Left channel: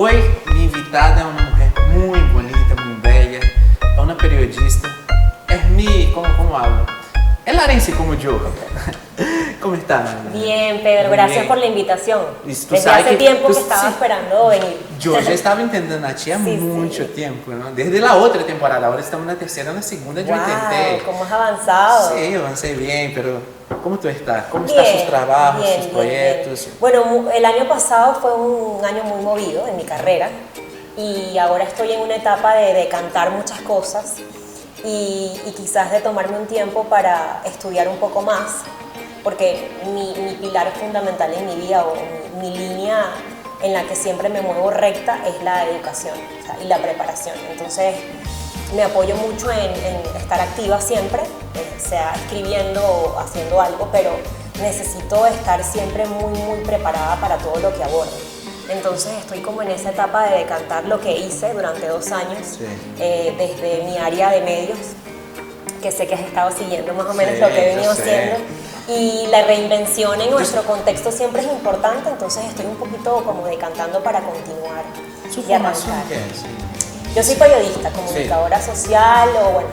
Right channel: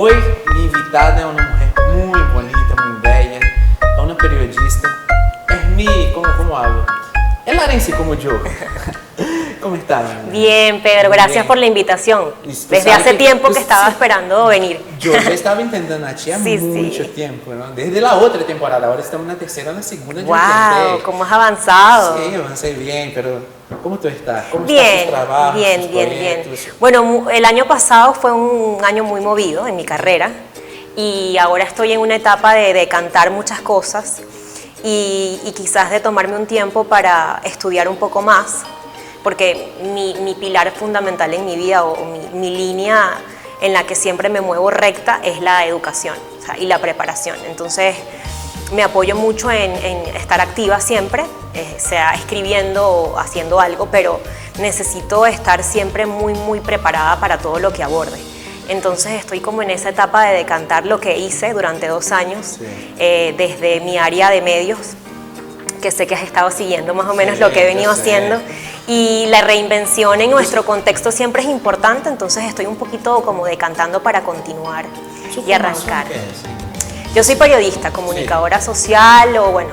Hoy mi invitada es una mujer muy bonita, muy bella, es una periodista, es mi, ¿cómo hablo? Es larense como yo. ¿Cómo estás? Bien, Pedro, Muy gracias bien. por la invitación. Y tú Desde sabes hace que tiempo tú que estaba sí. esperando venir. Yo ya estaba intentando a ti há Sí, mucho sí. tiempo, ¿no? Desde la otra temporada, ahora estamos en la tercera, en la segunda yo Wow, intenté. cómo has avanzado. Sí, avancé bien, pero ¿cómo tú estás? ¿Cómo Bien, están sus trabajos, bien, sus bien, proyectos? bien. Bueno, el año pasado fue un año muy movido en mi carrera y ahora estoy en una etapa de cantar muchas cosas y quizás de tomarme un tiempo para estudiar un poco más, porque mi pilar fundamental en mi vida o mi línea en la que siempre me muevo recta es la educación, o sea, y la preparación. Entonces me apoyo mucho en estar activa siempre, sea escribiendo o haciendo algo, pero necesito estar siempre muy preparada para todo lo que aborde. Entonces estoy como en esa etapa de decantar lo que hice durante 2 años, Sí. desde mi área de medios, que sé que has estado siguiendo más o menos Sí, lo que he yo venido sé. haciendo, y la reinvención en nuestro contexto siempre es importante, entonces estoy un poquito como decantando para continuar ¿Su y formación arrancar. qué es? Yo soy periodista, comunicadora social, o bueno,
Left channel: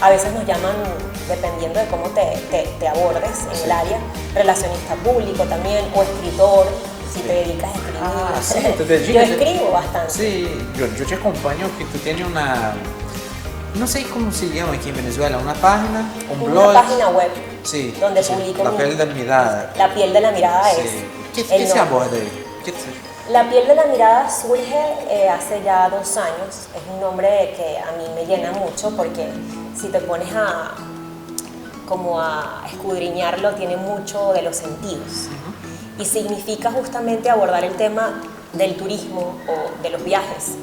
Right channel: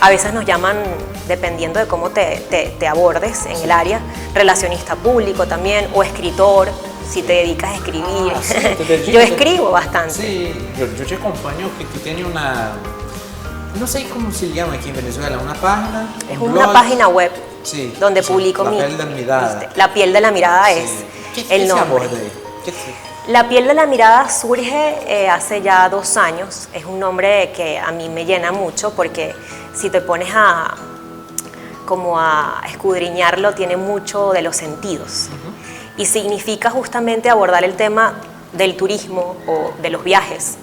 a veces nos llaman, dependiendo de cómo te abordes en el área, relacionista público también, o escritor, si te dedicas a escribir. Ah, sí, te dedicas. Yo escribo bastante. Sí, yo te acompaño que tú tienes una, no sé cómo se llama aquí en Venezuela, una página, un Una blog. página web Sí, donde sí, publico La piel de la mirada. La piel de la mirada Sí. ¿Qué es el se nombre. aborda ahí? La piel de la mirada surge hace ya 2 años. Es un nombre que a mí me llena mucho porque si te pones como a escudriñarlo, tiene mucho de los sentidos. Y significa justamente abordar el tema del turismo o de los viajes.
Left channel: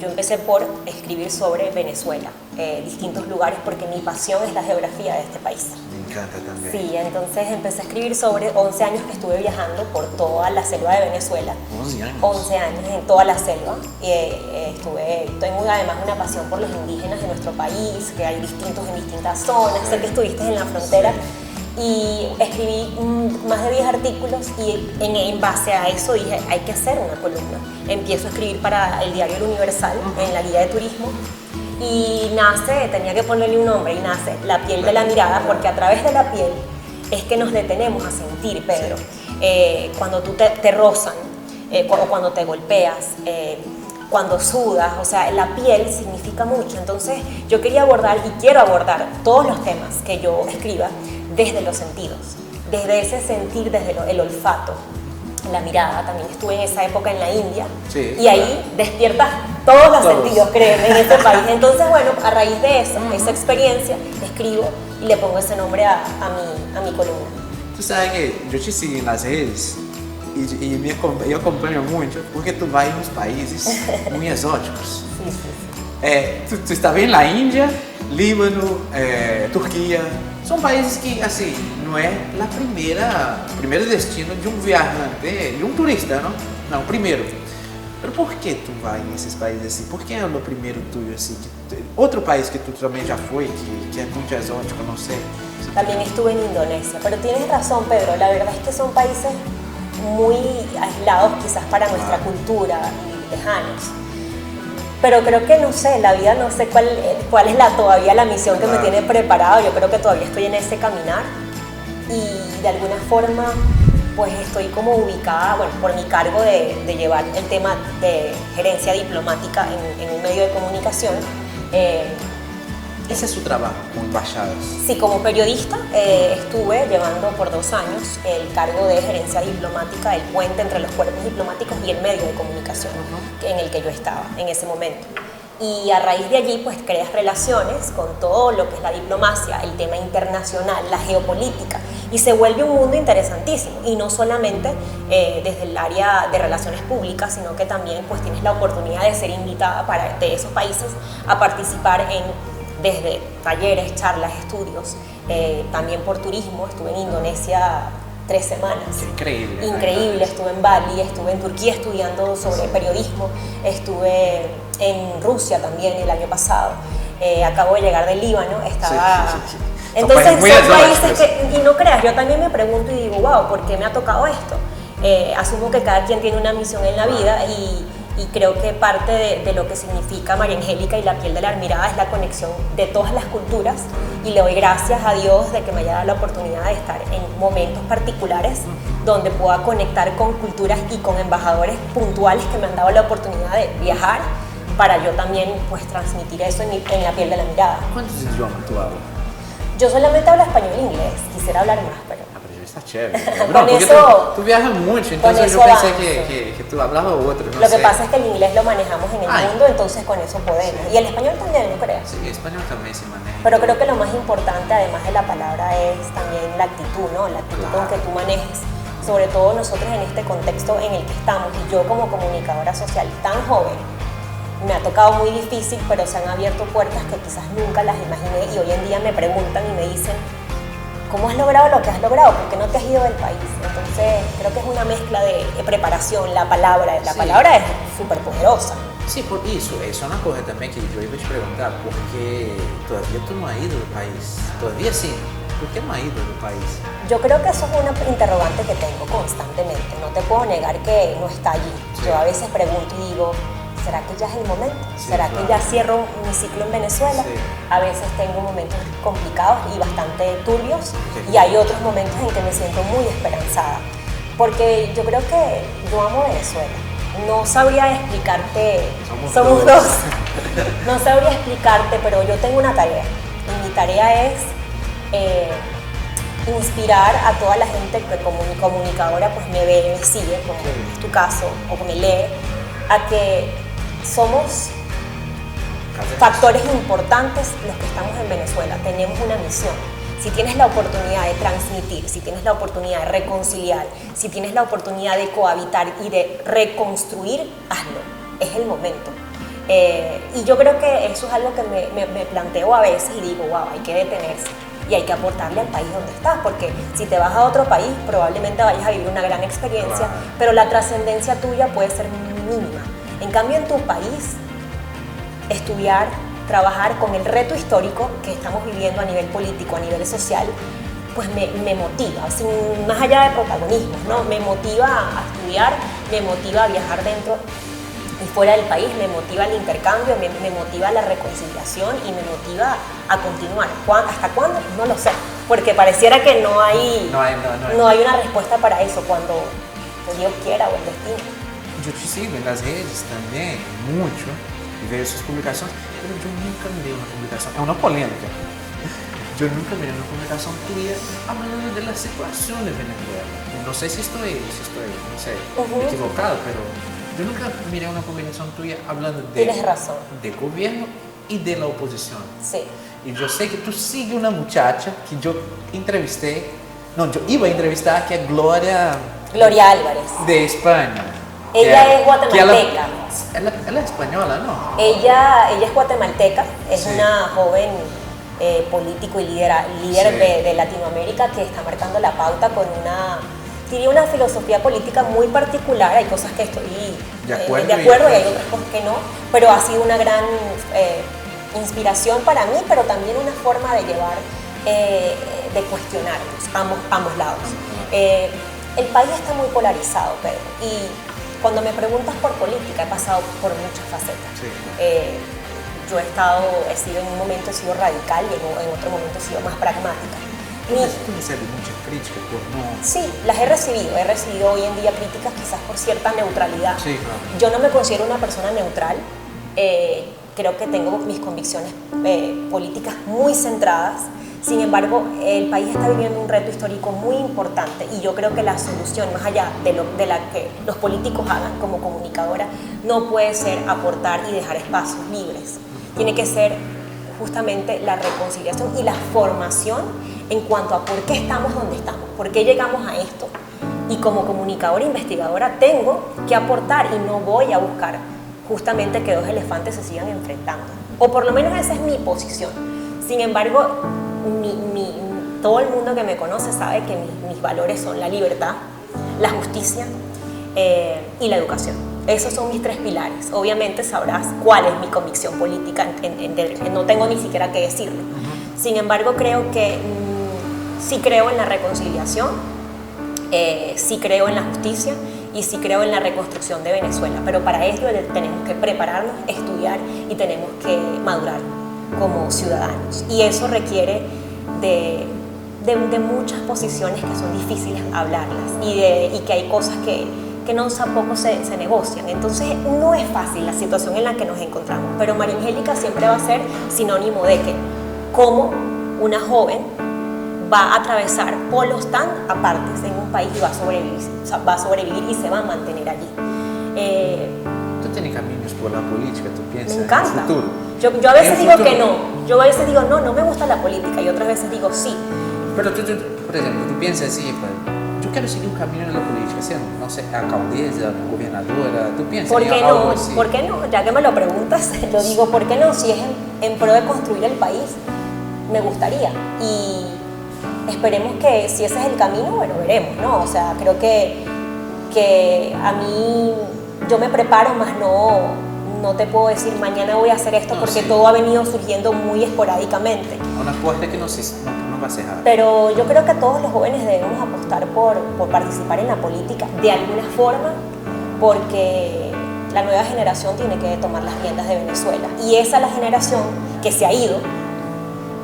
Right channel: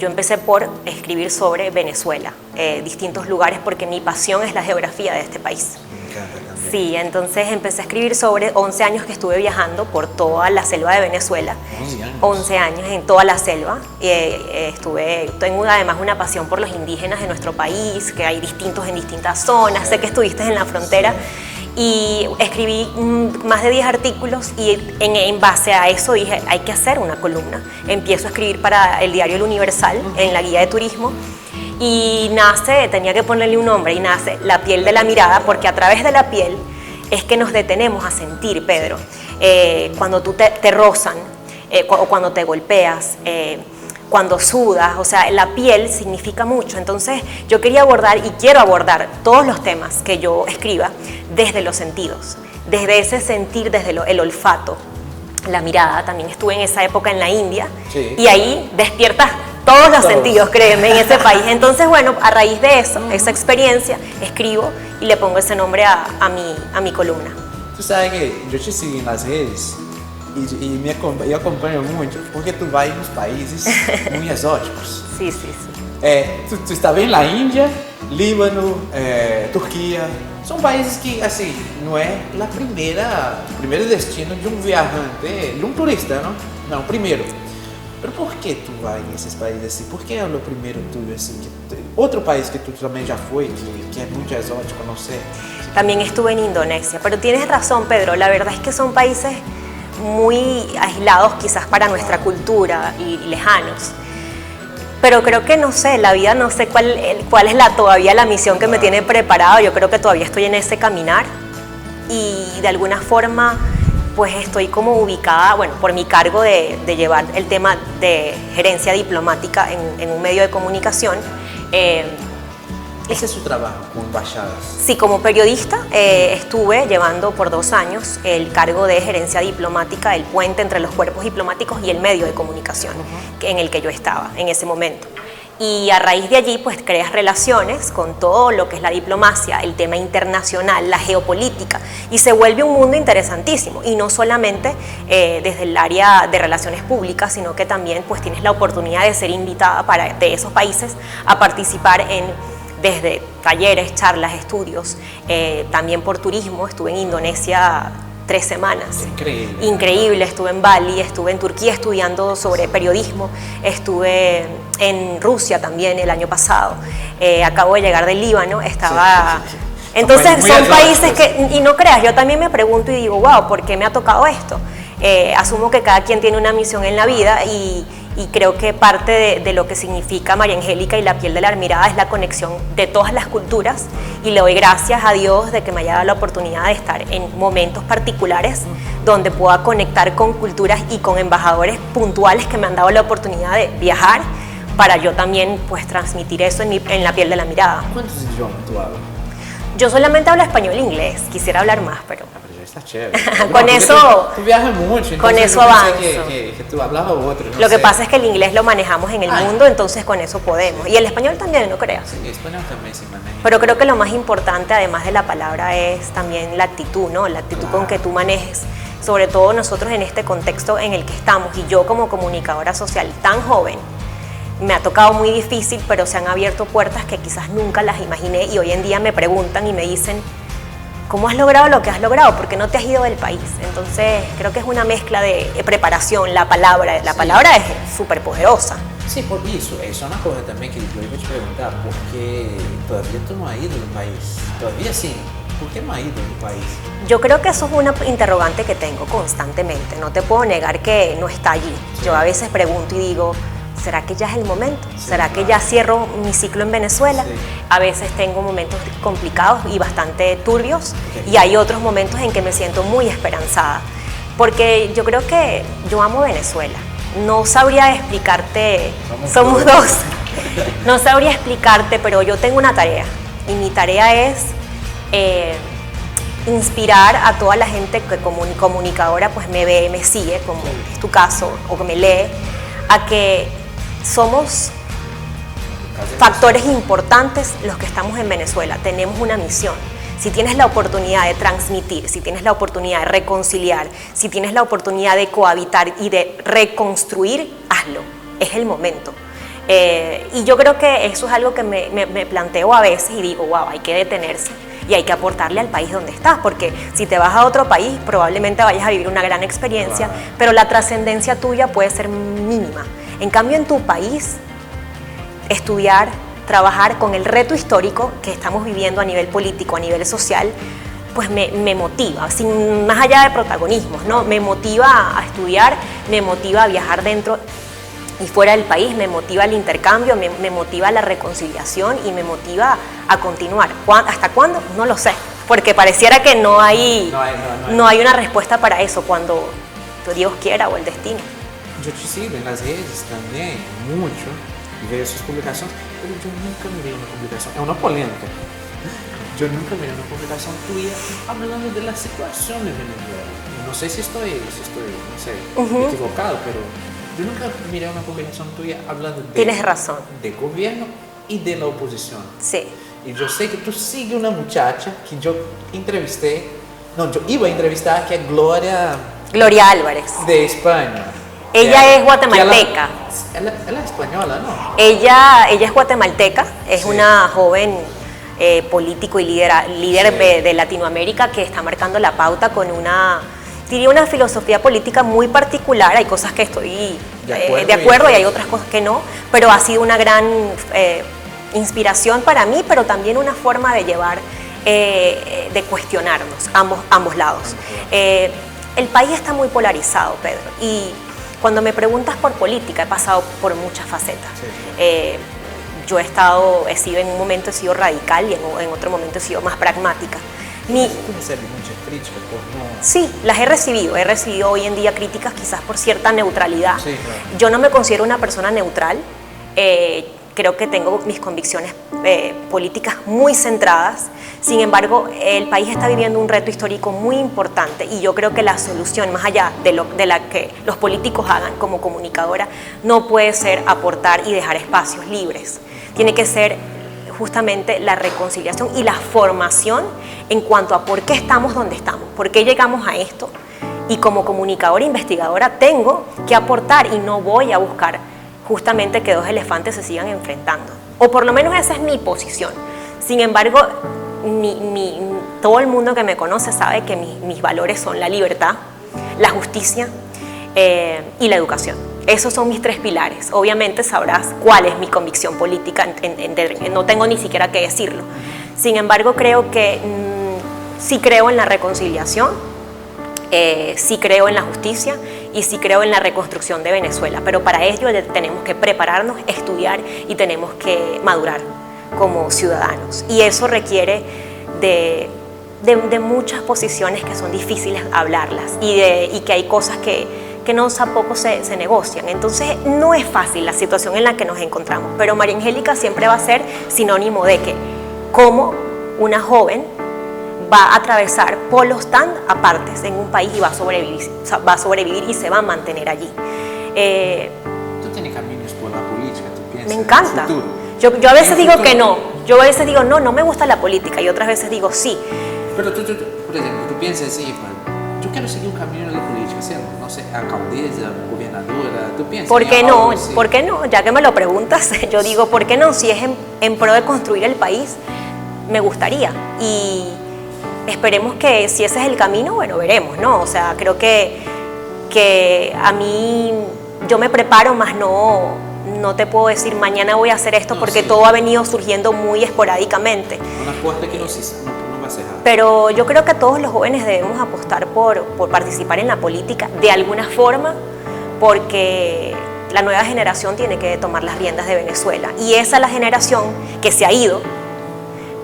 Yo empecé por escribir sobre Venezuela, distintos lugares, porque mi pasión es la geografía de este país. Me encanta también. Sí, entonces empecé a escribir sobre 11 años que estuve viajando por toda la selva de Venezuela. 11 años. 11 años en toda la selva. Tengo además una pasión por los indígenas de nuestro país, que hay distintos en distintas zonas. Sí. Sé que estuviste en la frontera. Sí. Y escribí más de 10 artículos y en base a eso dije, hay que hacer una columna. Empiezo a escribir para el diario El Universal, en la guía de turismo, y nace, tenía que ponerle un nombre, y nace La piel de la mirada, porque a través de la piel es que nos detenemos a sentir, Pedro. Cuando tú te rozan, o cuando te golpeas, cuando sudas, o sea, la piel significa mucho. Entonces yo quería abordar y quiero abordar todos los temas que yo escriba desde los sentidos, desde ese sentir, desde el olfato, la mirada. También estuve en esa época en la India, Sí. y ahí despiertas todos los Todos. sentidos, créeme, en ese país. Entonces, bueno, a raíz de eso, esa experiencia, escribo y le pongo ese nombre a mi columna. Tú sabes que yo te sigo en las redes y yo acompaño mucho porque tú vas en unos países muy exóticos. Sí, sí. Tú estás en la India, Líbano, Turquía. Son países que, assim, no es el primer destino de un viajante, de un turista, ¿no? No, primero. Pero por qué tú vas en esos países así? ¿Por qué es lo primero tuyo así? Otro país que tú también ya fue, que es muy exótico, no sé. También estuve en Indonesia, pero tienes razón, Pedro, la verdad es que son países muy aislados quizás para nuestra cultura y lejanos. Pero creo que, no sé, la vida, no sé cuál es todavía la misión que me tiene preparado. Yo creo que todavía estoy en ese caminar y de alguna forma pues estoy como ubicada, bueno, por mi cargo de llevar el tema de gerencia diplomática en un medio de comunicación. Ese es su trabajo con embajadas. Sí, como periodista estuve llevando por 2 años el cargo de gerencia diplomática, el puente entre los cuerpos diplomáticos y el medio de comunicación en el que yo estaba en ese momento. Y a raíz de allí pues creas relaciones con todo lo que es la diplomacia, el tema internacional, la geopolítica, y se vuelve un mundo interesantísimo, y no solamente desde el área de relaciones públicas, sino que también pues tienes la oportunidad de ser invitada de esos países a participar desde talleres, charlas, estudios, también por turismo. Estuve en Indonesia 3 semanas. Increíble. Increíble, estuve en Bali, estuve en Turquía estudiando sobre periodismo, estuve en Rusia también el año pasado, acabo de llegar del Líbano, estaba... Sí. Entonces Son son países muy países exóticos. y no creas, yo también me pregunto y digo, wow, ¿por qué me ha tocado esto? Asumo que cada quien tiene una misión en la vida y creo que parte de lo que significa María Angélica y la piel de la Admirada es la conexión de todas las culturas, y le doy gracias a Dios de que me haya dado la oportunidad de estar en momentos particulares donde pueda conectar con culturas y con embajadores puntuales que me han dado la oportunidad de viajar para yo también pues transmitir eso en la piel de la mirada. ¿Cuántos idiomas tú hablas? Yo solamente hablo español e inglés, quisiera hablar más, pero... Pero ya está chévere. Con eso... Tú viajas mucho, entonces yo pensé que tú hablabas otro, no Lo que sé. pasa es que el inglés lo manejamos en el mundo, entonces con eso podemos. Sí. Y el español también, no creas. Sí, español también se maneja. Pero creo que lo más importante, además de la palabra, es también la actitud, ¿no? La actitud con que tú manejes. Sobre todo nosotros en este contexto en el que estamos, y yo como comunicadora social tan joven, me ha tocado muy difícil, pero se han abierto puertas que quizás nunca las imaginé, y hoy en día me preguntan y me dicen, ¿cómo has logrado lo que has logrado? ¿Por qué no te has ido del país? Entonces creo que es una mezcla de preparación, la palabra es súper poderosa. Sí, por eso es una cosa también que yo iba a te preguntar, porque todavía tú no has ido del país, todavía sí, ¿por qué no has ido del país? Yo creo que eso es una interrogante que tengo constantemente, no te puedo negar que no está allí. Sí. Yo a veces pregunto y digo, ¿será que ya es el momento? Sí, ¿Será claro. que ya cierro mi ciclo en Venezuela? Sí. A veces tengo momentos complicados y bastante turbios, Ok. y hay otros momentos en que me siento muy esperanzada, porque yo creo que yo amo Venezuela. No sabría explicarte, somos dos. No sabría explicarte, pero yo tengo una tarea, y mi tarea es inspirar a toda la gente que como comunicadora pues me ve, me sigue, como Sí. es tu caso, o que me lee, a que somos factores importantes los que estamos en Venezuela. Tenemos una misión. Si tienes la oportunidad de transmitir, si tienes la oportunidad de reconciliar, si tienes la oportunidad de cohabitar y de reconstruir, hazlo. Es el momento. Y yo creo que eso es algo que me planteo a veces y digo, wow, hay que detenerse y hay que aportarle al país donde estás, porque si te vas a otro país probablemente vayas a vivir una gran experiencia, Claro. pero la trascendencia tuya puede ser mínima. En cambio, en tu país, estudiar, trabajar con el reto histórico que estamos viviendo a nivel político, a nivel social, pues me motiva, sin, más allá de protagonismos, ¿no? Me motiva a estudiar, me motiva a viajar dentro y fuera del país, me motiva el intercambio, me motiva la reconciliación y me motiva a continuar. ¿Hasta cuándo? No lo sé, porque pareciera que no hay una respuesta para eso cuando Dios quiera o el destino. Yo te sigo en las redes también, mucho, y veo sus publicaciones, pero yo nunca miré una publicación, es una polémica. Yo nunca miré una publicación tuya hablando de la situación de Venezuela. No sé si estoy no sé, equivocado, pero yo nunca miré una publicación tuya hablando Tienes razón. del gobierno y de la oposición. Sí. Y yo sé que tú sigues una muchacha que yo entrevisté, no, yo iba a entrevistar, que es Gloria Álvarez. de España. Ella es guatemalteca. Ella es española, ¿no? Ella es guatemalteca, es Sí. una joven político y líder Sí. de Latinoamérica que está marcando la pauta con diría una filosofía política muy particular. Hay cosas que estoy De de acuerdo y hay otras cosas que no, pero ha sido una gran inspiración para mí, pero también una forma de llevar, de cuestionarnos ambos lados. El país está muy polarizado, Pedro, y cuando me preguntas por política he pasado por muchas facetas. Sí, claro. Yo en un momento he sido radical y en otro momento he sido más pragmática. Tú recibes muchas críticas por no... Sí, las he recibido hoy en día críticas quizás por cierta neutralidad. Sí, claro. Yo no me considero una persona neutral, creo que tengo mis convicciones políticas muy centradas. Sin embargo, el país está viviendo un reto histórico muy importante y yo creo que la solución, más allá de la que los políticos hagan como comunicadora, no puede ser aportar y dejar espacios libres. Tiene que ser justamente la reconciliación y la formación en cuanto a por qué estamos donde estamos, por qué llegamos a esto. Y como comunicadora e investigadora tengo que aportar y no voy a buscar justamente que dos elefantes se sigan enfrentando. O por lo menos esa es mi posición. Sin embargo, todo el mundo que me conoce sabe que mis valores son la libertad, la justicia y la educación. Esos son mis tres pilares. Obviamente sabrás cuál es mi convicción política, no tengo ni siquiera que decirlo. Sin embargo, creo que sí creo en la reconciliación, Sí creo en la justicia y sí creo en la reconstrucción de Venezuela, pero para ello tenemos que prepararnos, estudiar y tenemos que madurar como ciudadanos. Y eso requiere de muchas posiciones que son difíciles hablarlas y que hay cosas que no tampoco se negocian. Entonces no es fácil la situación en la que nos encontramos, pero María Angélica siempre va a ser sinónimo de que como una joven va a atravesar polos tan apartes en un país y va a sobrevivir y se va a mantener allí. ¿Tú tienes caminos por la política? ¿Tú piensas Me encanta. en el futuro? Yo a veces digo que no. Yo a veces digo no me gusta la política y otras veces digo sí. Pero tú, por ejemplo, tú piensas así, yo quiero seguir un camino en la política, ser, no sé, alcaldesa, gobernadora, ¿tú piensas ¿Por qué en no? algo así? ¿Por qué no? Ya que me lo preguntas, yo digo, ¿por qué no? Si es en pro de construir el país, me gustaría. Y esperemos que si ese es el camino, bueno, veremos, ¿no? O sea, creo que a mí, yo me preparo, más no te puedo decir mañana voy a hacer esto, porque sí, todo ha venido surgiendo muy esporádicamente. Una puerta que no va a cerrar. Pero yo creo que todos los jóvenes debemos apostar por participar en la política de alguna forma, porque la nueva generación tiene que tomar las riendas de Venezuela. Y esa es la generación que se ha ido,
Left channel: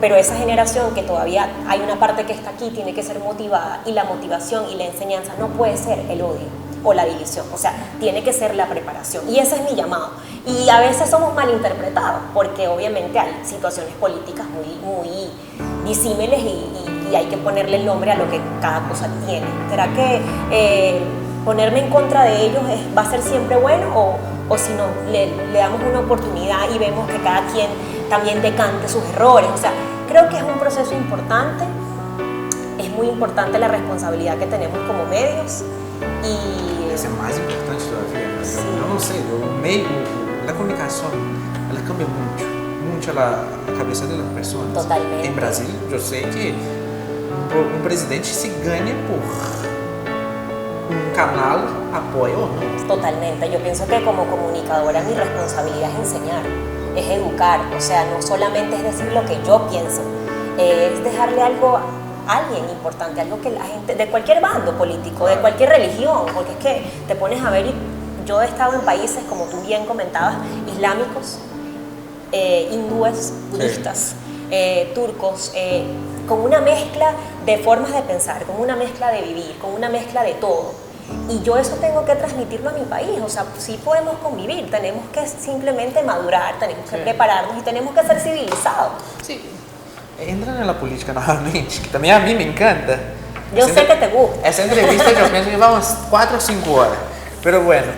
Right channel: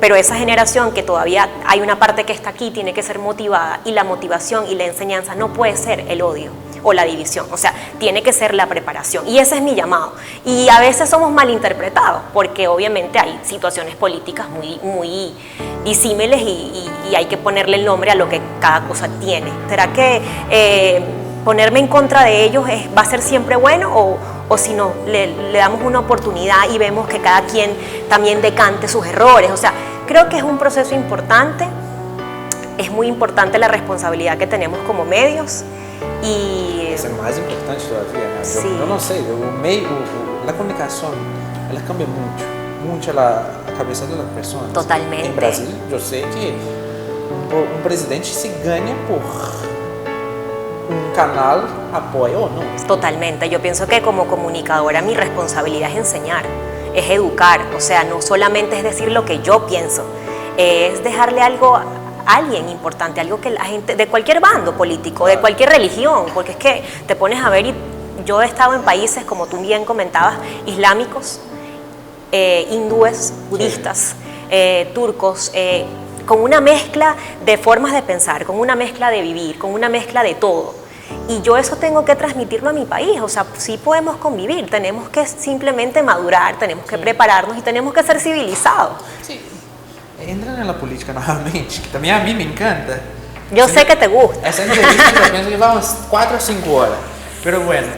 pero esa generación que todavía hay una parte que está aquí tiene que ser motivada, y la motivación y la enseñanza no puede ser el odio o la división, o sea, tiene que ser la preparación, y ese es mi llamado. Y a veces somos malinterpretados, porque obviamente hay situaciones políticas muy disímiles y hay que ponerle el nombre a lo que cada cosa tiene. ¿Será que ponerme en contra de ellos va a ser siempre bueno, o si no, le damos una oportunidad y vemos que cada quien también decante sus errores? O sea, creo que es un proceso importante, es muy importante la responsabilidad que tenemos como medios. Y es más importante todavía, ¿no? Sí. Yo no sé, la comunicación, ela cambia mucho la cabeza de las personas. Totalmente. En Brasil, yo sé que un presidente se gana por un canal, apoyo o no. Totalmente, yo pienso que como comunicadora mi responsabilidad es enseñar, es educar, o sea, no solamente es decir lo que yo pienso, es dejarle algo a alguien importante, algo que la gente, de cualquier bando político, de cualquier religión, porque es que te pones a ver, y yo he estado en países, como tú bien comentabas, islámicos, hindúes, budistas, turcos, con una mezcla de formas de pensar, con una mezcla de vivir, con una mezcla de todo. Y yo eso tengo que transmitirlo a mi país. O sea, sí podemos convivir, tenemos que simplemente madurar, tenemos que prepararnos y tenemos que ser civilizados. Sí, entrando en la política nuevamente, que también a mí me encanta. Yo sé que te gusta. Esa entrevista yo pienso que vamos 4 o 5 horas. Pero bueno,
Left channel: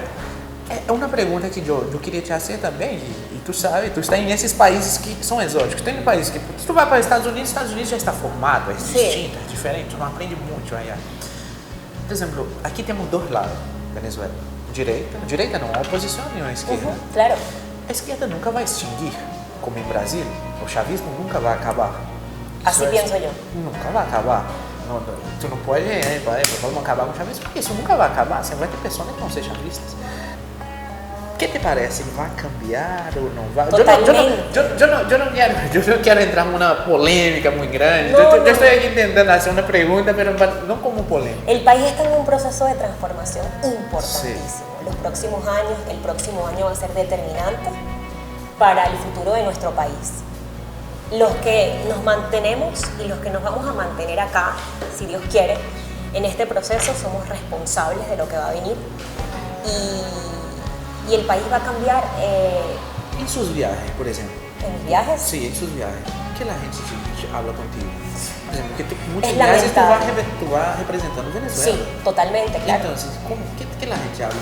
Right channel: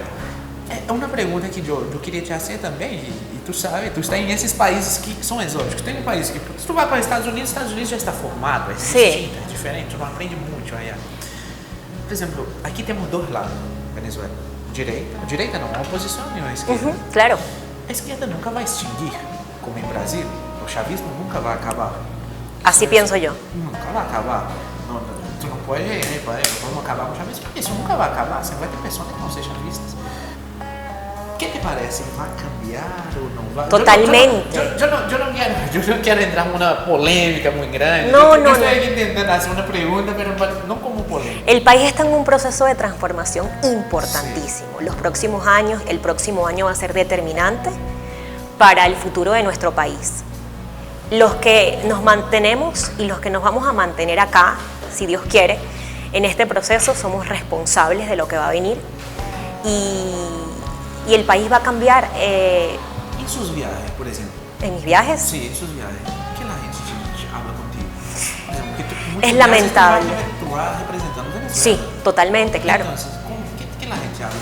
é uma pergunta que eu queria te fazer também, e tu sabe, tu está em esses países que são exóticos. Tem um país que, se tu vai para os Estados Unidos já está formado, é distinto, é diferente, tu não aprende muito aí. Por exemplo, aqui temos dois lados, Venezuela. Direita não, a oposição e a esquerda. Claro. A esquerda nunca vai extinguir, como em Brasil. O chavismo nunca vai acabar. Así pienso yo. Nunca vai acabar. Não, tu não pode, vamos acabar com o chavismo, porque isso nunca vai acabar. Você vai ter pessoas que vão ser chavistas. O que te parece? Vai cambiar ou não vai? Totalmente. Eu não quero entrar numa polêmica muito grande. No, eu estou aqui tentando fazer uma pergunta, mas não como polêmica. El país está en un proceso de transformación importantísimo. Sí. Los próximos años, el próximo año va a ser determinante para el futuro de nuestro país. Los que nos mantenemos y los que nos vamos a mantener acá, si Dios quiere, en este proceso somos responsables de lo que va a venir, y el país va a cambiar. En sus viajes, por ejemplo. ¿En mis viajes? Sí, en sus viajes. ¿Qué la gente te habla contigo? Por ejemplo, que muchos es viajes lamentable. tú vas representando Venezuela. Sí, totalmente, claro. Entonces, ¿qué la gente habla?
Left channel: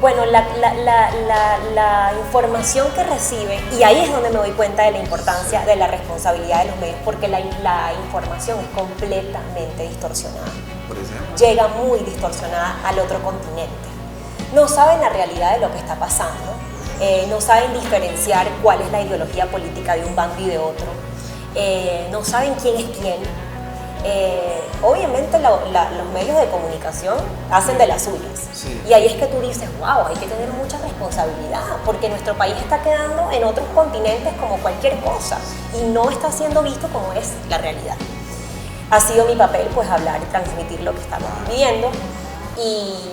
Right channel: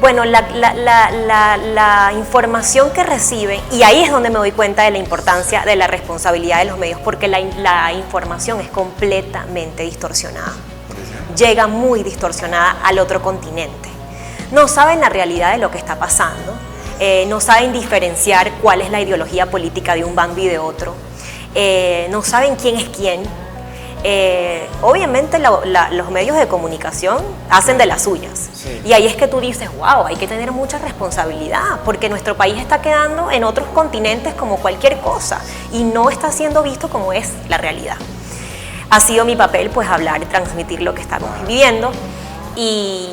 Bueno, la información que recibe, y ahí es donde me doy cuenta de la importancia de la responsabilidad de los medios, porque la información es completamente distorsionada. Por ejemplo. Llega muy distorsionada al otro continente. No saben la realidad de lo que está pasando, no saben diferenciar cuál es la ideología política de un bando y de otro, no saben quién es quién. Obviamente los medios de comunicación hacen de las suyas, sí. Y ahí es que tú dices, wow, hay que tener mucha responsabilidad, porque nuestro país está quedando en otros continentes como cualquier cosa y no está siendo visto como es la realidad. ha sido mi papel pues hablar y transmitir lo que estamos viviendo y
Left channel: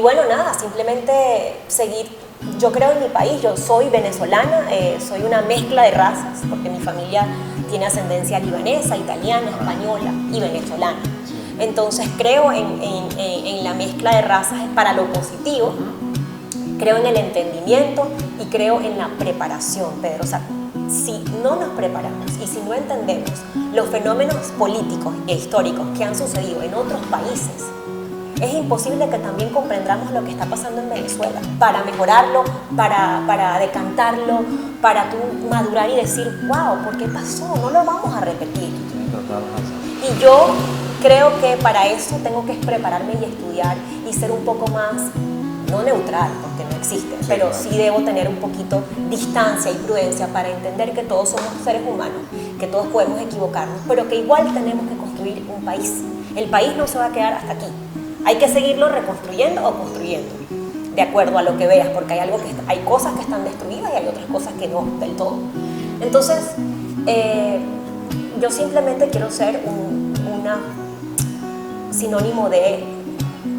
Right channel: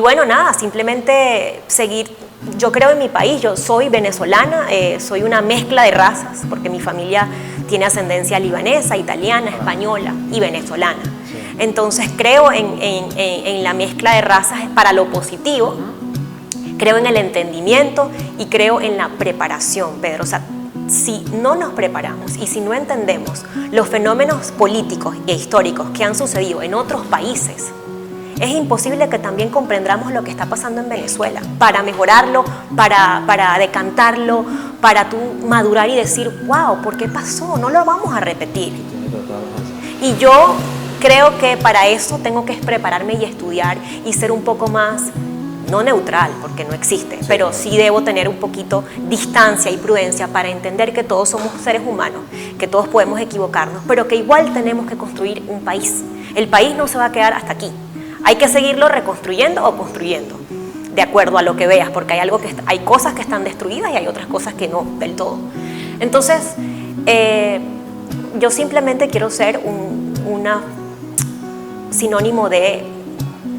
bueno, nada, simplemente seguir. Yo creo en mi país, yo soy venezolana, soy una mezcla de razas, porque mi familia tiene ascendencia libanesa, italiana, española y venezolana. Entonces creo en la mezcla de razas para lo positivo, creo en el entendimiento y creo en la preparación, Pedro. O sea, si no nos preparamos y si no entendemos los fenómenos políticos e históricos que han sucedido en otros países, es imposible que también comprendamos lo que está pasando en Venezuela para mejorarlo, para decantarlo, para tú madurar y decir, wow, ¿por qué pasó? No lo vamos a repetir. Y yo creo que para eso tengo que prepararme y estudiar y ser un poco más, no neutral, porque no existe, pero sí debo tener un poquito distancia y prudencia para entender que todos somos seres humanos, que todos podemos equivocarnos, pero que igual tenemos que construir un país. El país no se va a quedar hasta aquí. Hay que seguirlo reconstruyendo o construyendo, de acuerdo a lo que veas, porque hay cosas que están destruidas y hay otras cosas que no del todo. Entonces, yo simplemente quiero ser una sinónimo de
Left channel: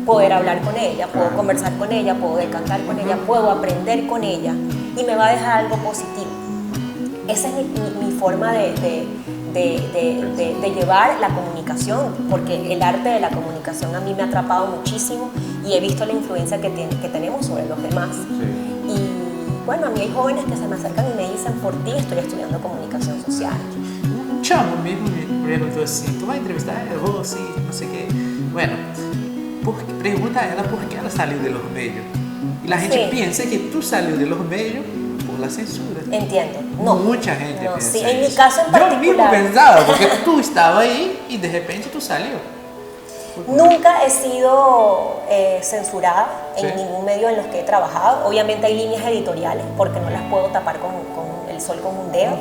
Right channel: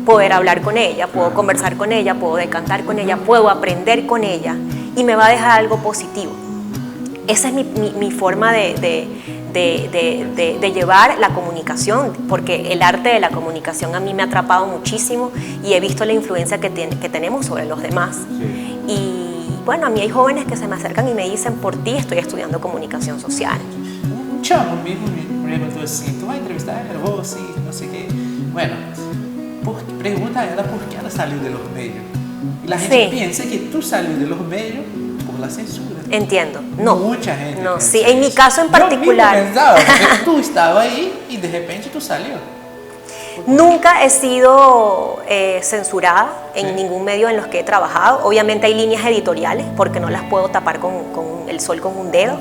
poder hablar con ella, puedo conversar con ella, puedo decantar con ella, puedo aprender con ella y me va a dejar algo positivo. Esa es mi forma de llevar la comunicación, porque el arte de la comunicación a mí me ha atrapado muchísimo y he visto la influencia que tenemos sobre los demás. Y bueno, a mí hay jóvenes que se me acercan y me dicen, por ti estoy estudiando comunicación social. Un chamo mismo me preguntó así, ¿tú vas a entrevistar a ella? Vos, sí, no sé qué. Bueno, pregunta a ella por qué ella salió de los medios. Y la gente piensa que tú salió de los medios por la censura. Entiendo. No. Mucha gente piensa sí, en mi eso. caso en particular. Yo mismo pensaba, porque tú estabas ahí y de repente tú salió. Nunca he sido censurada en ningún medio en los que he trabajado. Obviamente hay líneas editoriales, porque no las puedo tapar con el sol con un dedo,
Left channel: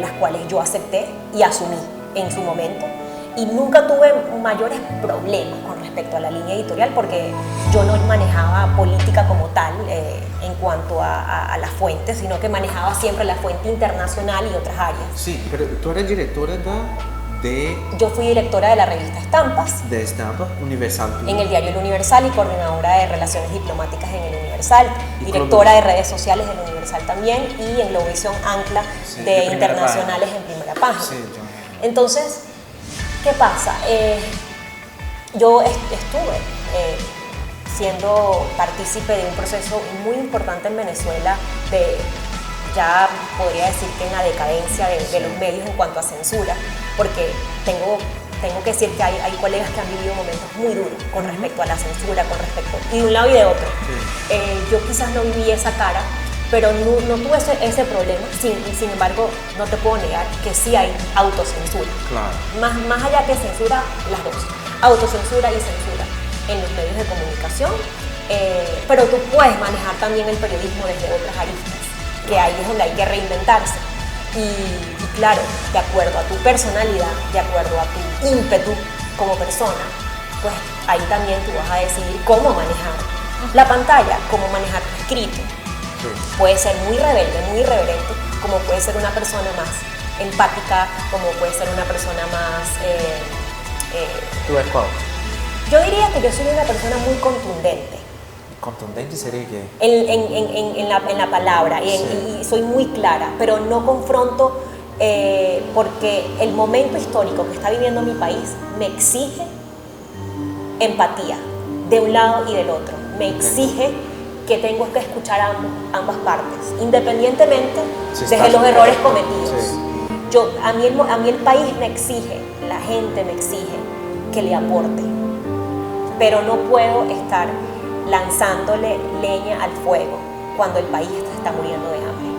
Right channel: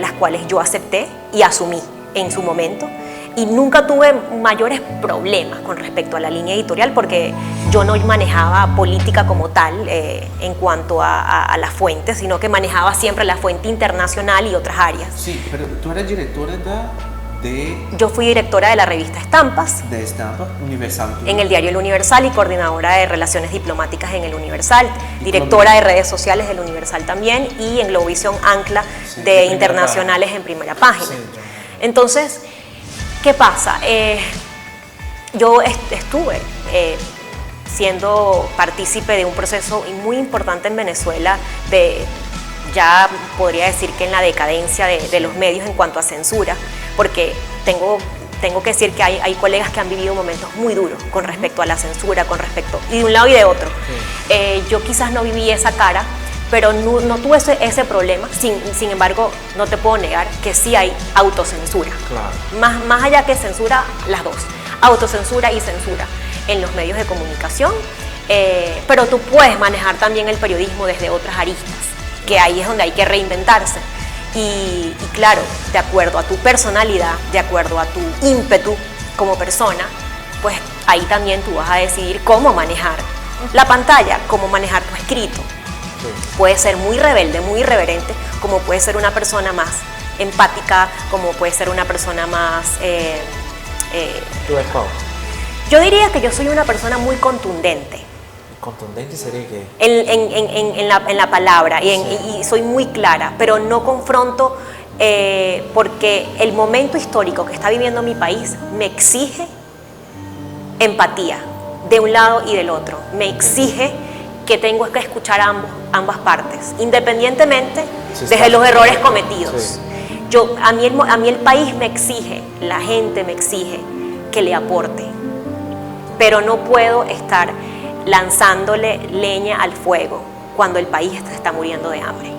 las cuales yo acepté y asumí en su momento. Y nunca tuve mayores problemas con respecto a la línea editorial, porque yo no manejaba política como tal en cuanto a la fuente, sino que manejaba siempre la fuente internacional y otras áreas. Sí, pero tú eres directora de... Yo fui directora de la revista Estampas. De Estampas, Universal. En el diario El Universal y coordinadora de Relaciones Diplomáticas en El Universal. Directora de redes sociales del Universal también y en Globovisión Ancla de internacionales en primera página. Sí, entonces, ¿qué pasa? Yo estuve siendo partícipe de un proceso muy importante en Venezuela ya podría decir que en la decadencia de los medios en cuanto a censura, porque tengo que decir que hay colegas que han vivido momentos muy duros con respecto a la censura, con respecto de un lado y de otro. Yo quizás no viví esa cara, pero no tuve ese problema. Sin embargo, no te puedo negar que sí hay autocensura. Claro. Más allá que censura, las dos. Autocensura y censura en los medios de comunicación. Pero tú puedes manejar también el periodismo desde otras aristas, que ahí es donde hay que reinventarse. Y claro, de acuerdo a tu personalidad, de acuerdo a tu ímpetu como persona, pues ahí también tú vas a decidir cómo manejar la pantalla, cómo manejar tu escrito. Puede ser muy rebelde, muy irreverente, como puede ser una persona más empática, como puede ser una persona más... ¿Tú eres cuál? Yo diría que yo soy una persona muy contundente. ¿Contundente sería qué? En la palabra, y soy muy clara, pero no confronto porque el momento histórico que está viviendo mi país me exige empatía de un lado y del otro, me exige que tengo que escuchar a ambas partes, independientemente de los errores cometidos. A mí el país me exige, la gente me exige que le aporte, pero no puedo estar lanzándole leña al fuego cuando el país está muriendo de hambre.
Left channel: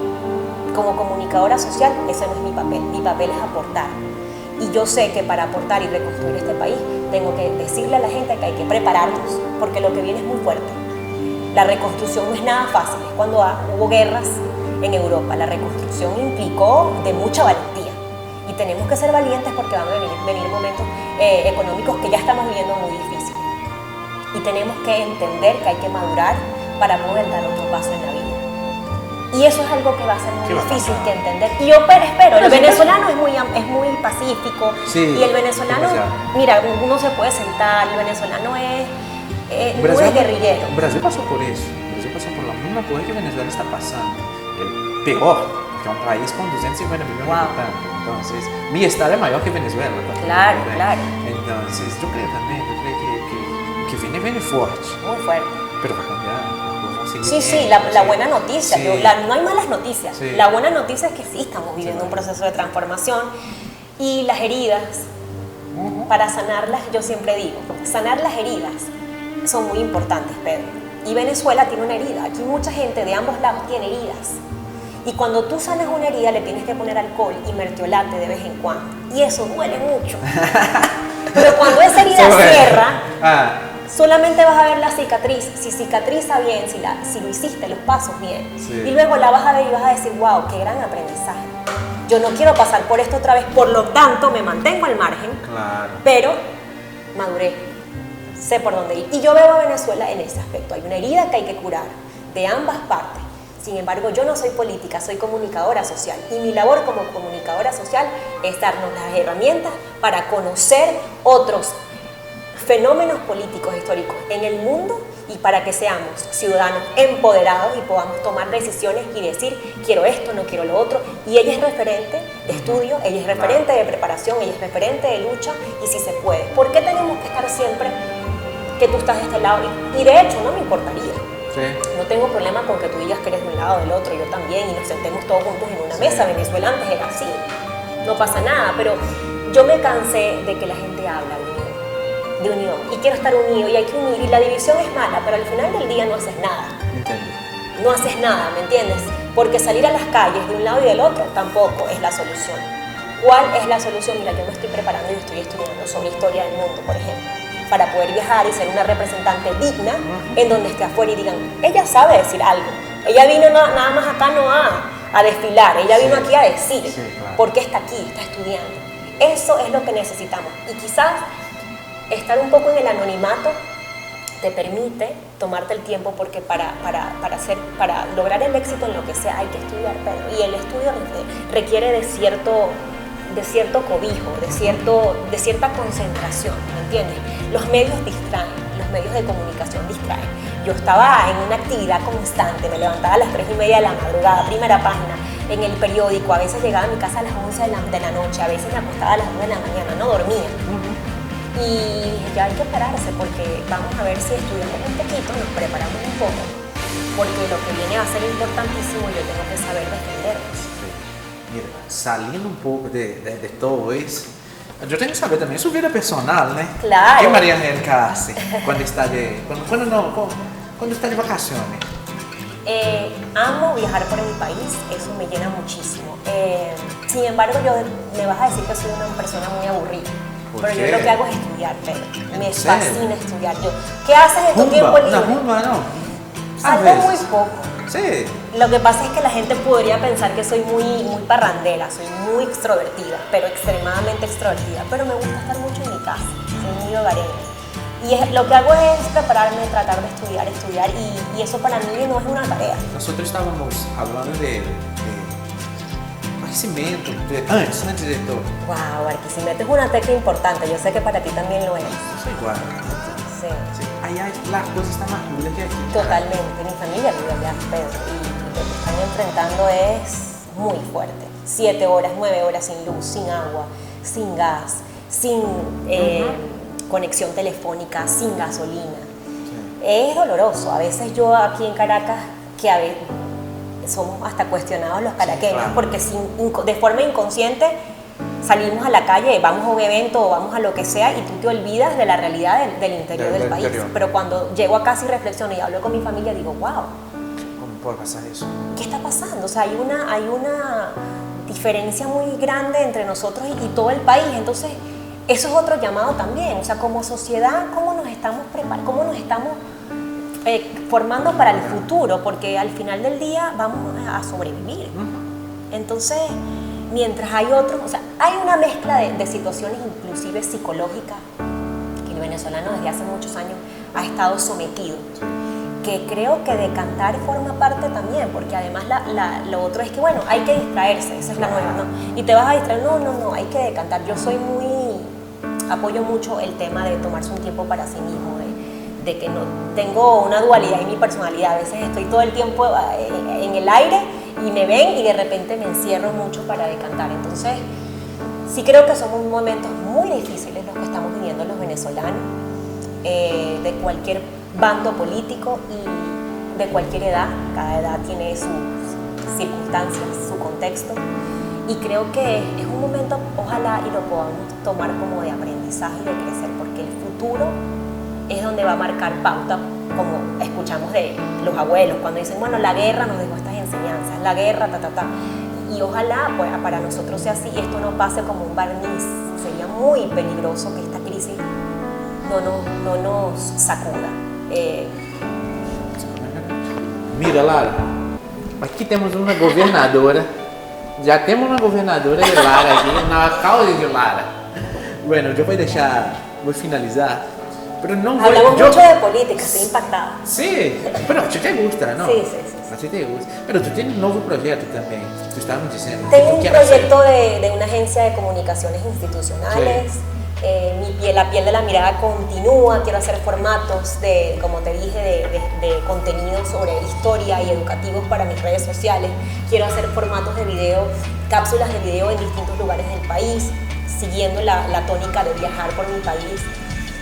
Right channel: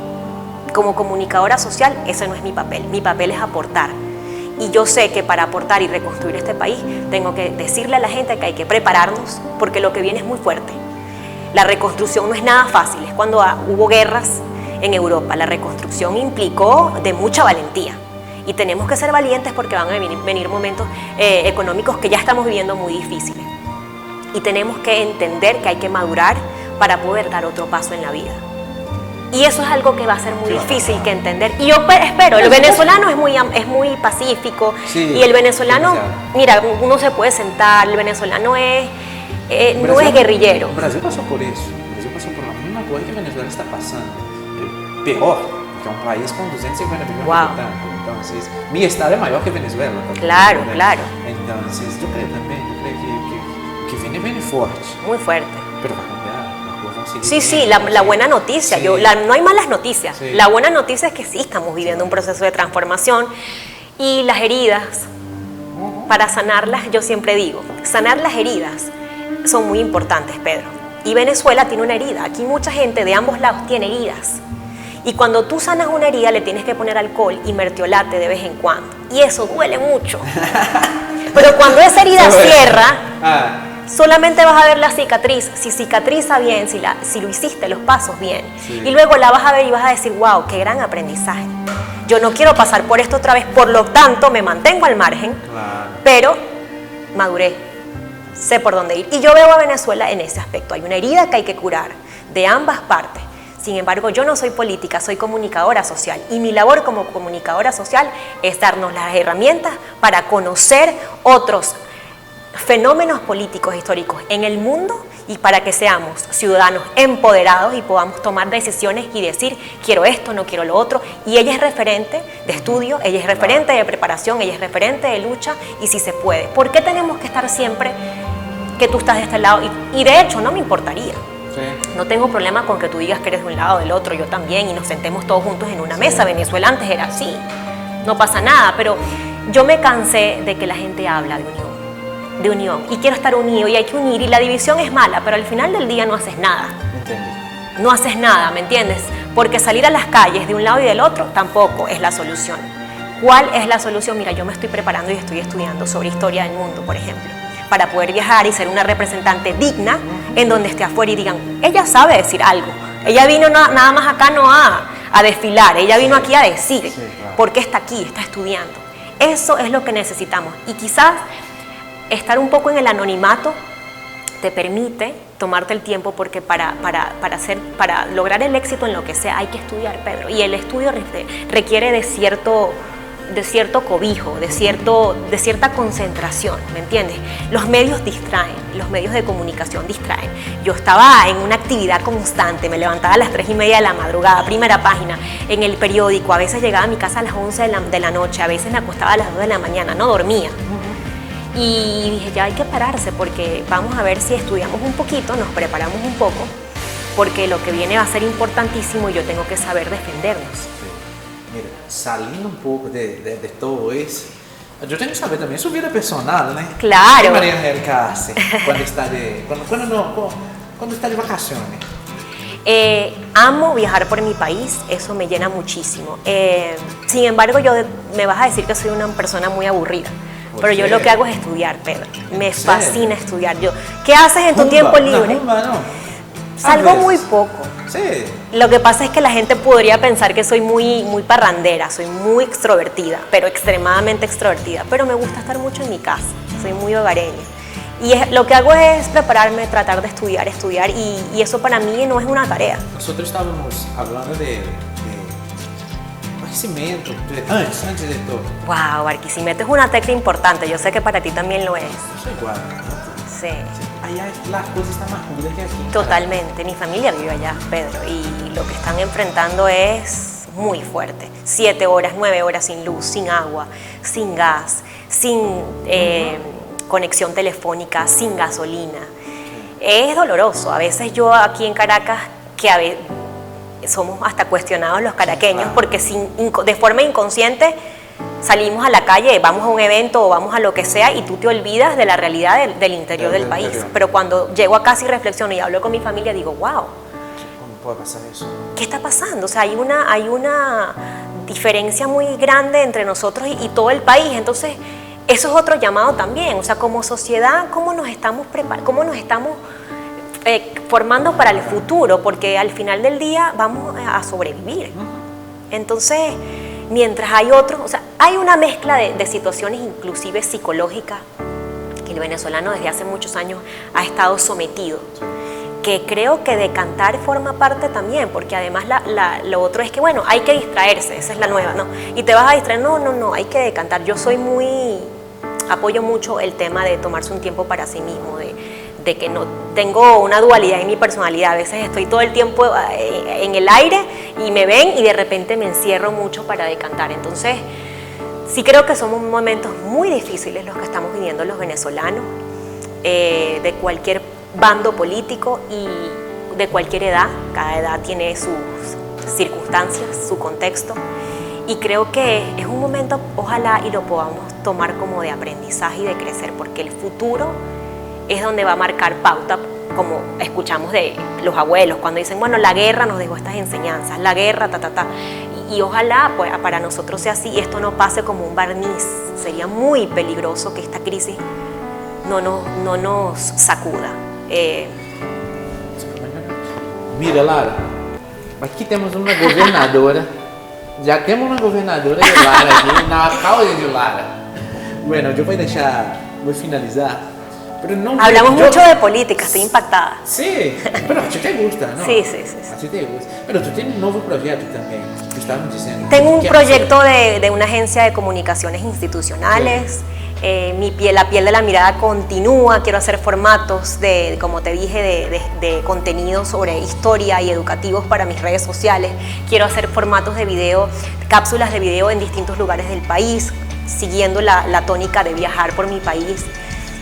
Como comunicadora social, ese no es mi papel es aportar. Y yo sé que para aportar y reconstruir este país, tengo que decirle a la gente que hay que prepararnos, porque lo que viene es muy fuerte. La reconstrucción no es nada fácil, es cuando hubo guerras en Europa. La reconstrucción implicó de mucha valentía. Y tenemos que ser valientes porque van a venir momentos económicos que ya estamos viviendo muy difíciles. Y tenemos que entender que hay que madurar para poder dar otro paso en la vida. Y eso es algo que va a ser muy difícil que entender. Y yo espero, el Pero venezolano es muy pacífico. Sí, y el venezolano, demasiado. mira, uno se puede sentar, el venezolano no es guerrillero. Brasil pasó por eso. Brasil pasó por la misma cosa que Venezuela está pasando. Peor, porque es un país con 250 millones de habitantes. Entonces, mi estado es mayor que Venezuela. Claro, claro. Entonces, yo creo que viene fuerte. Muy fuerte. Pero va a cambiar. Sí, la buena noticia, sí. No hay malas noticias. Sí. La buena noticia es que sí estamos viviendo un proceso de transformación y las heridas, para sanarlas, yo siempre digo, sanar las heridas son muy importantes, Pedro. Y Venezuela tiene una herida, aquí mucha gente de ambos lados tiene heridas. Y cuando tú sanas una herida le tienes que poner alcohol y mertiolate de vez en cuando. Y eso duele mucho. Pero cuando esa herida cierra... solamente vas a ver la cicatriz, si cicatriza bien, si lo hiciste los pasos bien. Sí. Y luego la vas a ver y vas a decir, wow, qué gran aprendizaje. Yo no quiero pasar por esto otra vez, por lo tanto me mantengo al margen, pero maduré, sé por dónde ir. Y yo veo a Venezuela en ese aspecto, hay una herida que hay que curar de ambas partes. Sin embargo, yo no soy política, soy comunicadora social y mi labor como comunicadora social es darnos las herramientas para conocer otros fenómenos políticos históricos en el mundo y para que seamos ciudadanos empoderados y podamos tomar decisiones y decir quiero esto, no quiero lo otro. Y ella es referente de estudio, ella es referente de preparación, ella es referente de lucha y si se puede. ¿Por qué tenemos que estar siempre que tú estás de este lado? Y de hecho no me importaría. Sí. No tengo problema con que tú digas que eres de un lado o del otro, yo también, y nos sentemos todos juntos en una mesa. Venezuela antes era así, no pasa nada, pero yo me cansé de que la gente habla de unión y quiero estar unido y hay que unir y la división es mala, pero al final del día no haces nada. Entendí. No haces nada, ¿me entiendes? Porque salir a las calles de un lado y del otro tampoco es la solución. ¿Cuál es la solución? Mira, yo me estoy preparando y estoy estudiando sobre historia del mundo, por ejemplo, para poder viajar y ser una representante digna en donde esté afuera y digan, ella sabe decir algo. Ella vino nada más acá no a desfilar, ella vino aquí a decir por qué está aquí, está estudiando. Eso es lo que necesitamos y quizás estar un poco en el anonimato te permite tomarte el tiempo porque para lograr el éxito en lo que sea hay que estudiar, Pedro. Y el estudio requiere de cierto cobijo, de cierta concentración, ¿me entiendes? Los medios distraen, los medios de comunicación distraen. Yo estaba en una actividad constante, me levantaba a las 3:30 de la madrugada, primera página, en el periódico, a veces llegaba a mi casa a las 11 de la noche, a veces me acostaba a las 2 de la mañana, no dormía. Y dije, ya hay que pararse porque vamos a ver si estudiamos un poquito, nos preparamos un poco, porque lo que viene va a ser importantísimo y yo tengo que saber defendernos. Sí. Mira, saliendo un poco de todo eso, yo tengo que saber también su vida personal, ¿no? Claro. ¿Qué María Angélica hace cuando está de vacaciones? Amo viajar por mi país, eso me llena muchísimo. Sin embargo, me vas a decir que soy una persona muy aburrida. Pero yo lo que hago es estudiar, Pedro. Me fascina estudiar. ¿Qué haces en tu tiempo libre? No. Salgo muy poco. Sí. Lo que pasa es que la gente podría pensar que soy muy parrandera, soy muy extrovertida, pero extremadamente extrovertida. Pero me gusta estar mucho en mi casa, soy muy hogareña. Y lo que hago es prepararme, tratar de estudiar y eso para mí no es una tarea. Nosotros estábamos hablando de Barquisimeto, antes de todo. Wow, Barquisimeto es una tecla importante, yo sé que para ti también lo es. Soy igual. Sí. Allá las cosas están más duras que aquí. Totalmente, mi familia vive allá, Pedro, y lo que están enfrentando es muy fuerte. 7 horas, 9 horas sin luz, sin agua, sin gas, sin conexión telefónica, sin gasolina. Sí. Es doloroso. A veces yo aquí en Caracas, que a veces somos hasta cuestionados los caraqueños, sí, claro, porque de forma inconsciente salimos a la calle, vamos a un evento o vamos a lo que sea y tú te olvidas de la realidad del interior del país. Interior. Pero cuando llego a casa y reflexiono y hablo con mi familia, digo, wow. ¿Cómo puede pasar eso? ¿Qué está pasando? O sea, hay una diferencia muy grande entre nosotros y todo el país. Entonces, eso es otro llamado también. O sea, como sociedad, ¿cómo nos estamos preparando? ¿Cómo nos estamos formando para el futuro? Porque al final del día vamos a sobrevivir. Entonces, mientras hay otros, o sea, hay una mezcla de situaciones inclusive psicológicas que el venezolano desde hace muchos años ha estado sometido, que creo que de cantar forma parte también, porque además lo otro es que, bueno, hay que distraerse, esa es la nueva, ¿no? Y te vas a distraer, no, hay que cantar. Yo apoyo mucho el tema de tomarse un tiempo para sí mismo, de que no tengo una dualidad en mi personalidad. A veces estoy todo el tiempo en el aire y me ven y de repente me encierro mucho para decantar. Entonces, sí creo que son momentos muy difíciles los que estamos viviendo los venezolanos, de cualquier bando político y de cualquier edad. Cada edad tiene sus circunstancias, su contexto, y creo que es un momento, ojalá y lo podamos tomar como de aprendizaje y de crecer, porque el futuro es donde va a marcar pauta, como escuchamos de los abuelos cuando dicen, bueno, la guerra nos dejó estas enseñanzas, la guerra, y ojalá pues, para nosotros sea así y esto no pase como un barniz. Sería muy peligroso que esta crisis no nos sacuda. Mira, Lara, aqui temos uma governadora, já temos uma governadora de Lara aqui, uma alcalde de Lara. Bueno, eu vou finalizar, pero no hablamos mucho de política, estoy impactada. Sí, pero a ti te gusta, ¿no? Sí. A ti te gusta. Pero tú tienes un nuevo proyecto también, que estábamos diciendo. Tengo un proyecto de una agencia de comunicaciones institucionales. Sí. La piel de la mirada continúa. Quiero hacer formatos como te dije, de contenido sobre historia y educativos para mis redes sociales. Quiero hacer formatos de video, cápsulas de video en distintos lugares del país, siguiendo la tónica de viajar por mi país,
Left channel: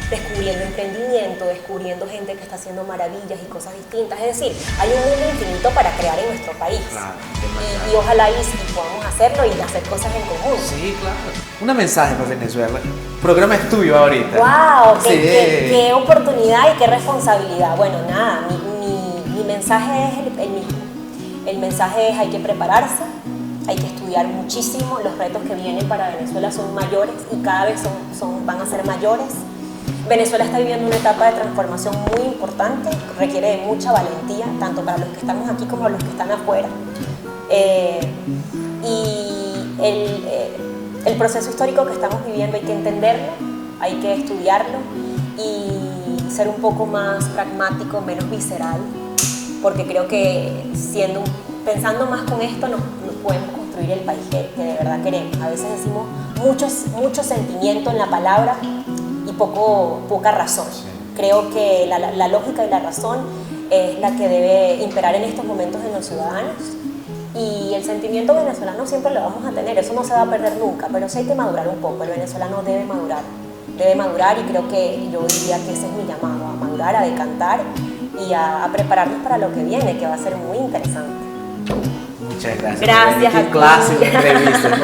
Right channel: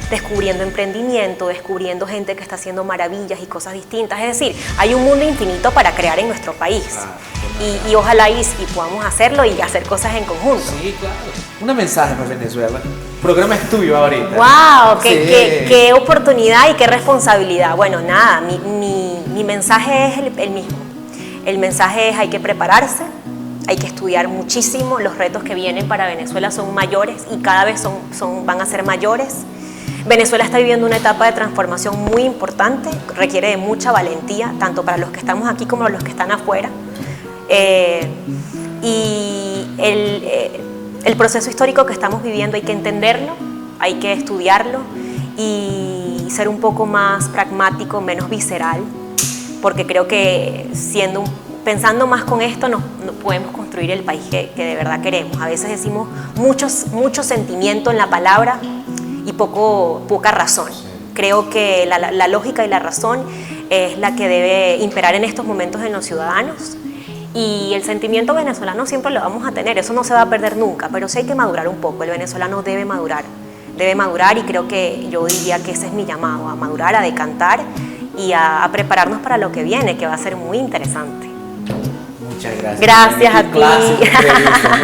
descubriendo emprendimiento, descubriendo gente que está haciendo maravillas y cosas distintas. Es decir, hay un mundo infinito para crear en nuestro país. Claro, y ojalá y podamos hacerlo y hacer cosas en conjunto. Sí, claro. Una mensaje para Venezuela. El programa es tuyo ahorita. ¡Wow! Sí. Qué oportunidad y qué responsabilidad. Bueno, nada, mi mensaje es el mismo. El mensaje es: hay que prepararse, hay que estudiar muchísimo. Los retos que vienen para Venezuela son mayores y cada vez van a ser mayores. Venezuela está viviendo una etapa de transformación muy importante, requiere de mucha valentía, tanto para los que estamos aquí como para los que están afuera. Y el proceso histórico que estamos viviendo hay que entenderlo, hay que estudiarlo y ser un poco más pragmático, menos visceral, porque creo que pensando más con esto nos podemos construir el país que de verdad queremos. A veces decimos mucho sentimiento en la palabra y poca razón. Sí. Creo que la lógica y la razón es la que debe imperar en estos momentos en los ciudadanos, y el sentimiento venezolano siempre lo vamos a tener, eso no se va a perder nunca, pero sí hay que madurar un poco. El venezolano debe madurar, y creo que yo diría que ese es mi llamado, a madurar, a decantar y a prepararnos para lo que viene, que va a ser muy interesante. Muchas gracias. Gracias a ti. Clase de entrevista.